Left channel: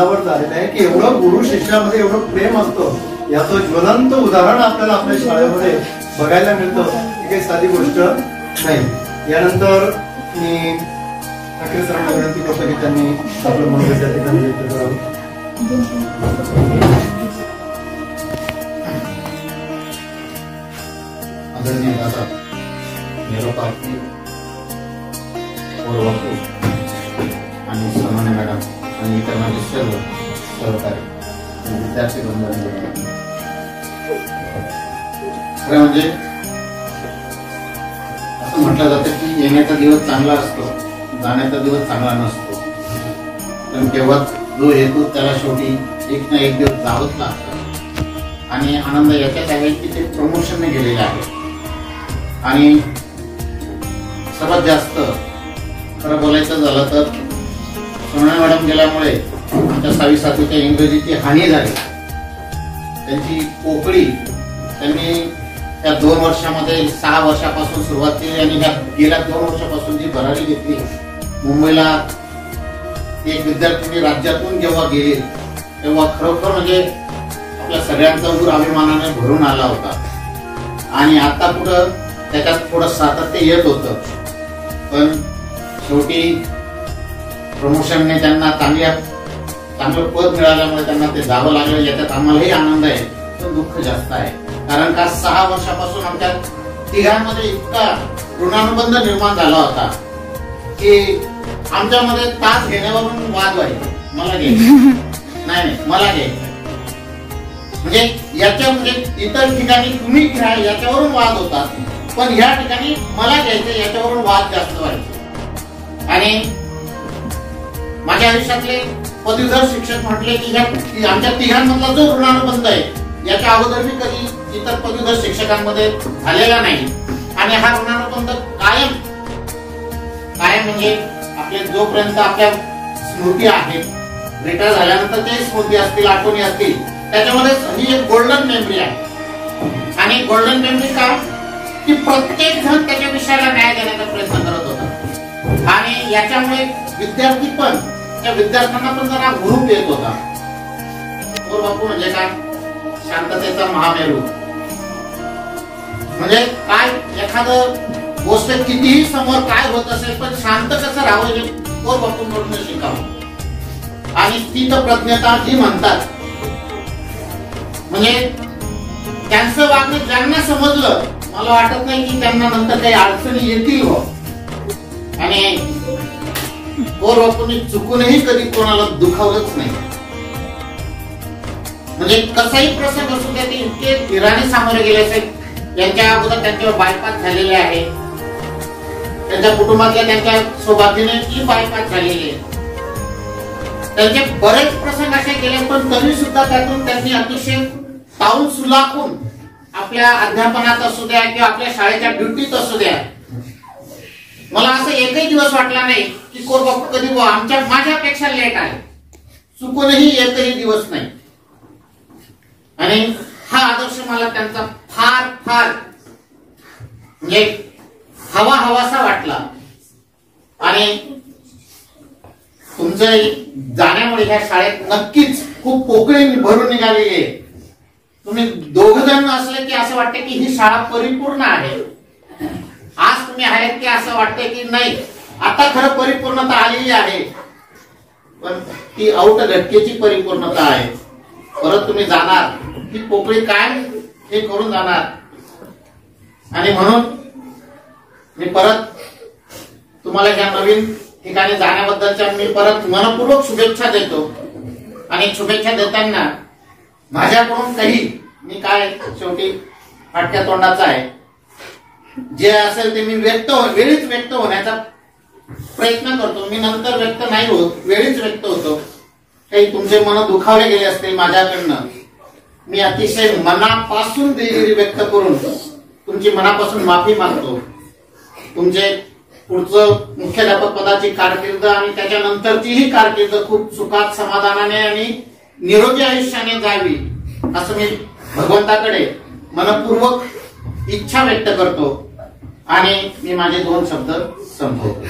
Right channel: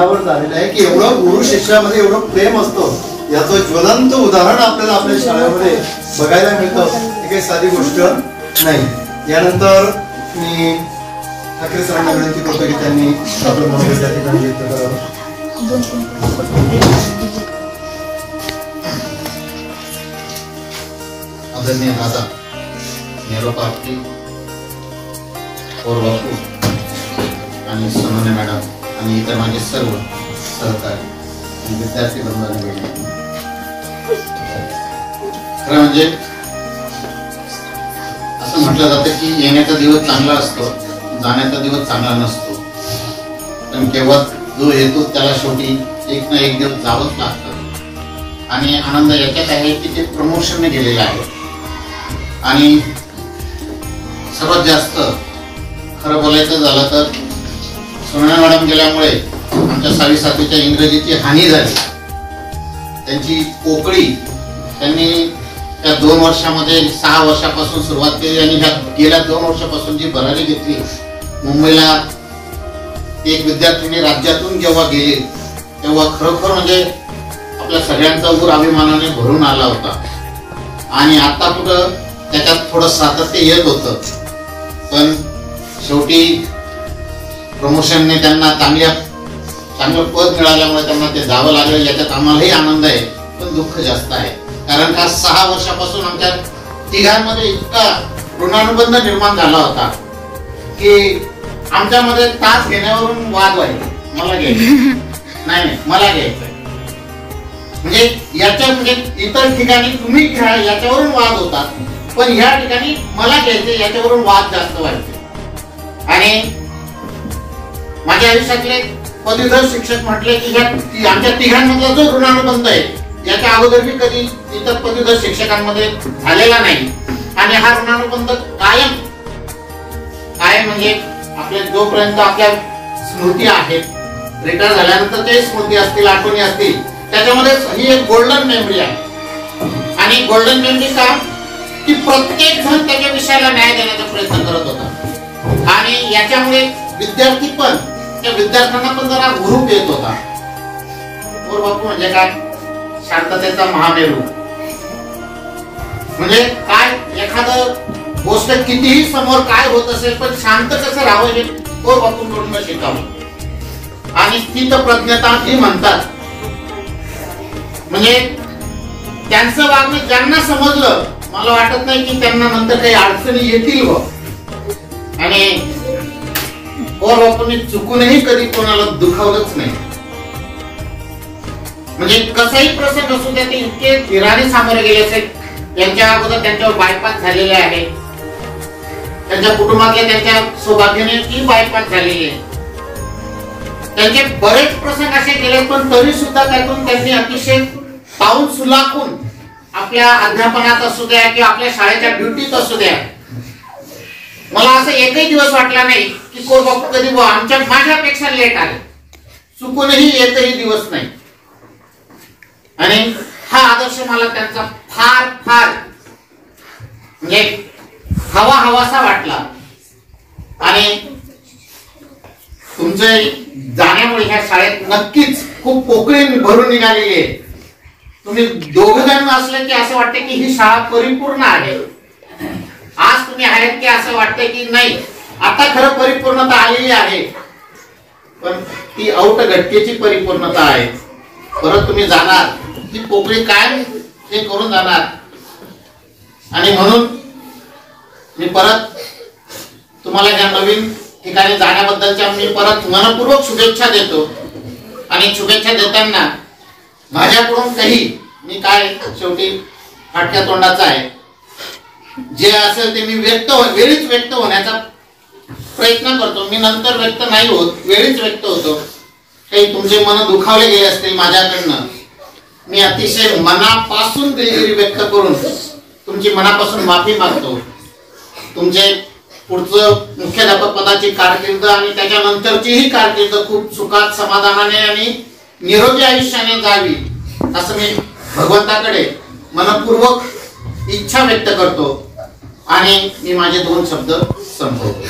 वर झालेलं आहे की एवढं गुरु शिष्यामध्ये एवढं प्रेम असतं, याचं ज्वलंत उदाहरण आपल्याला आपल्या शाळेमध्ये बघायला मिळतं. ही काही साधी गोष्ट नाही. यानंतर मी ठाकरे सरांना विनंती करतो की त्यांनी आपलं मनोगत त्या ठिकाणी व्यक्त करावं. आदरणीय दादा निरोपार्थी और बापू आणि सोनवणे मॅडम आणि इतर माझे सर्व सहकारी आणि विद्यार्थी बंधूंना खरं म्हणजे असं म्हटलं जातं की येण्याचा दिवस चांगला असतो, जाण्याचा दिवस चांगला नसतो. पण केव्हा जो येतो त्याला शेवटी एक ना एक दिवस जावंच लागतं. आणि आनंद याच्यात आहे की ते प्रमोशनने गेलेलं आहे. आणि सर्वात जास्त खरं बोलायचं झालं तर सोनवणे मॅडम गेल्यामुळे आमच्या 6वी 7वीच्या इंग्रजीची हानी झाली. त्यांची पोकळी त्यांनी त्या 2 वर्षामध्ये 6 वर्षापासून सुरुवात केली आणि ह्या गेल्या 2 वर्षापासून जी भरारी घेतली. मुंबईला एक विद्यार्थ्यांनी राज्यातून जेव्हा गेले तेव्हा खरोखर म्हणजे आपल्या सगळ्यांचा ऊर अभिमानाने भरून आला होता. आणि आता कुठं त्याच्यात थोडं सातत्य येत होतं, पण शेवटी प्रमोशनने त्यांना चांगलं पद मिळाल्यामुळे त्यांना ते जावं लागलं. याच्यात आम्हालाही आनंद आहे, पण दुःख जास्त आहे. कारण का 6 वर्षापासून आमच्या तिघांमध्ये इतका ऋणानुबंध निर्माण झाला होता की आमच्यामध्ये तास घेण्यावरून वाद व्हायचे. मला घ्यायचं नाही, मला घ्यायचं म्हणजे याच्या म्हणजे इतर ठिकाणी तुम्ही घ्या याच्यावरून वाद होतात, पण ह्या ठिकाणी मला घ्यायचे याच्यावरून वाद जास्त व्हायचे. आणि माझ्या आयुष्यातले पदवीधर शिक्षक म्हटले की आमच्या तिघांमधला जो ऋणानुबंध आहे याच्या अगोदर मी कधी इतर पदवीधर शिक्षकांमध्ये झालेला नाही. आणि हा ऋणानुबंध कायम म्हणजे आपले जोपर्यंत आपल्या स्मृती आहेत, रिटायर झाल्यानंतर ते स्मृती असतील, आठवणी असतील, त्याच्यामध्ये ही एक गोल्डन मेमरी आहे. आणि गोल्डन मेमरी का की प्रत्येक जण त्याच्या विषयाला न्याय देण्याचा प्रयत्न करत होता. आणि याच्यामुळे विद्यार्थी पण त्या विद्यार्थ्यांना पण जरा हुरूप येत होता. और बापू म्हणजे काय, शांततेचा महामेरू. म्हणजे काय एखादं गोष्ट कितीही समोर काय होत असेल पण शांत कसं राहावं हे और बापूंकडून शिकावं. आणि स्थितप्रज्ञता ही म्हणतात. म्हणजे त्यांचं वागणं ज्यांना समजलं, मला वाटत नाही की त्यांना नंतर काही अडचणी येतील. आणि और बापूंनी चुकूनही कधी कोणाला दुखावलंच नाही. म्हणजे कसाही प्रसंग असू द्या ते इतके धीराने सामोरे गेले असेल. यांच्या अगोदर त्यांच्यावर बायपास झालेले आहे, त्यांच्या कुटुंबातल्या त्यांच्या सौभाग्याने ती बायपास झालेली आहे. त्यांचे बरेच प्रसंग असे गेले, पण तरी सुद्धा त्यातून त्यांनी अतिशय पाऊल सुलाखून आपल्या अध्यापनात असू द्या किंवा आपल्या शाळेच्या ड्युटीत असू द्या, मला असं एकही दिवस वाटला नाही की कोर बापू कधी माझ्यापेक्षा लेट आले. चुकूनही एकही दिवस नाही. आणि हा आदर्श मला त्यांचा फार फार म्हणजे हवासा वाटला. आणि तुमचे जाण्यामुळे ह्या शाळेत नक्कीच खूप पोकळी भरून निघालेली आहे. तुम्ही दोघं जण असले की असं वाटते की ही शाळा परिपूर्ण आहे. आज तुम्ही आहेत की असं वाटतंय की नाही आता खरं परिपूर्णता आलेली आहे, पण ती औट घटकेची परिपूर्णता आहे. परत तुम्ही जाणार ती पोकळी काय हे करून जाणार. आणि म्हणून मी परत तुम्हाला या नवीन ठिकाणी जाण्याबद्दलच्या मी परत मनपूर्वक शुभेच्छा देतो. आणि शुभेच्छा देताना माझ्याकडून काही मी काय शेवटी फाटक्या तोंडाचा आहे, जे असेल ते मी वेळीच व्यक्त होण्याचा प्रयत्न करतो. मी नंतर व्यक्त नाही होत, वेळीच व्यक्त होतो. काही तुमचे मन दुखावले गेले असतील माझ्याकडनं, मी अतिशय मनापासून दिलगिरी व्यक्त करून तुमची मनापासून माफी मागतो. तुमचे पुढचं मुख्याध्यापक पदाची कारकीर्द आणि त्याच्यानंतरचीही कारकीर्द खूप सुखात समाधानाने आणि निरोगी आयुष्याने जावी असं मी भगवंताकडे मनपूर्वक इच्छा व्यक्त करतो. आणि मी माझे 2 शब्द संपवतो.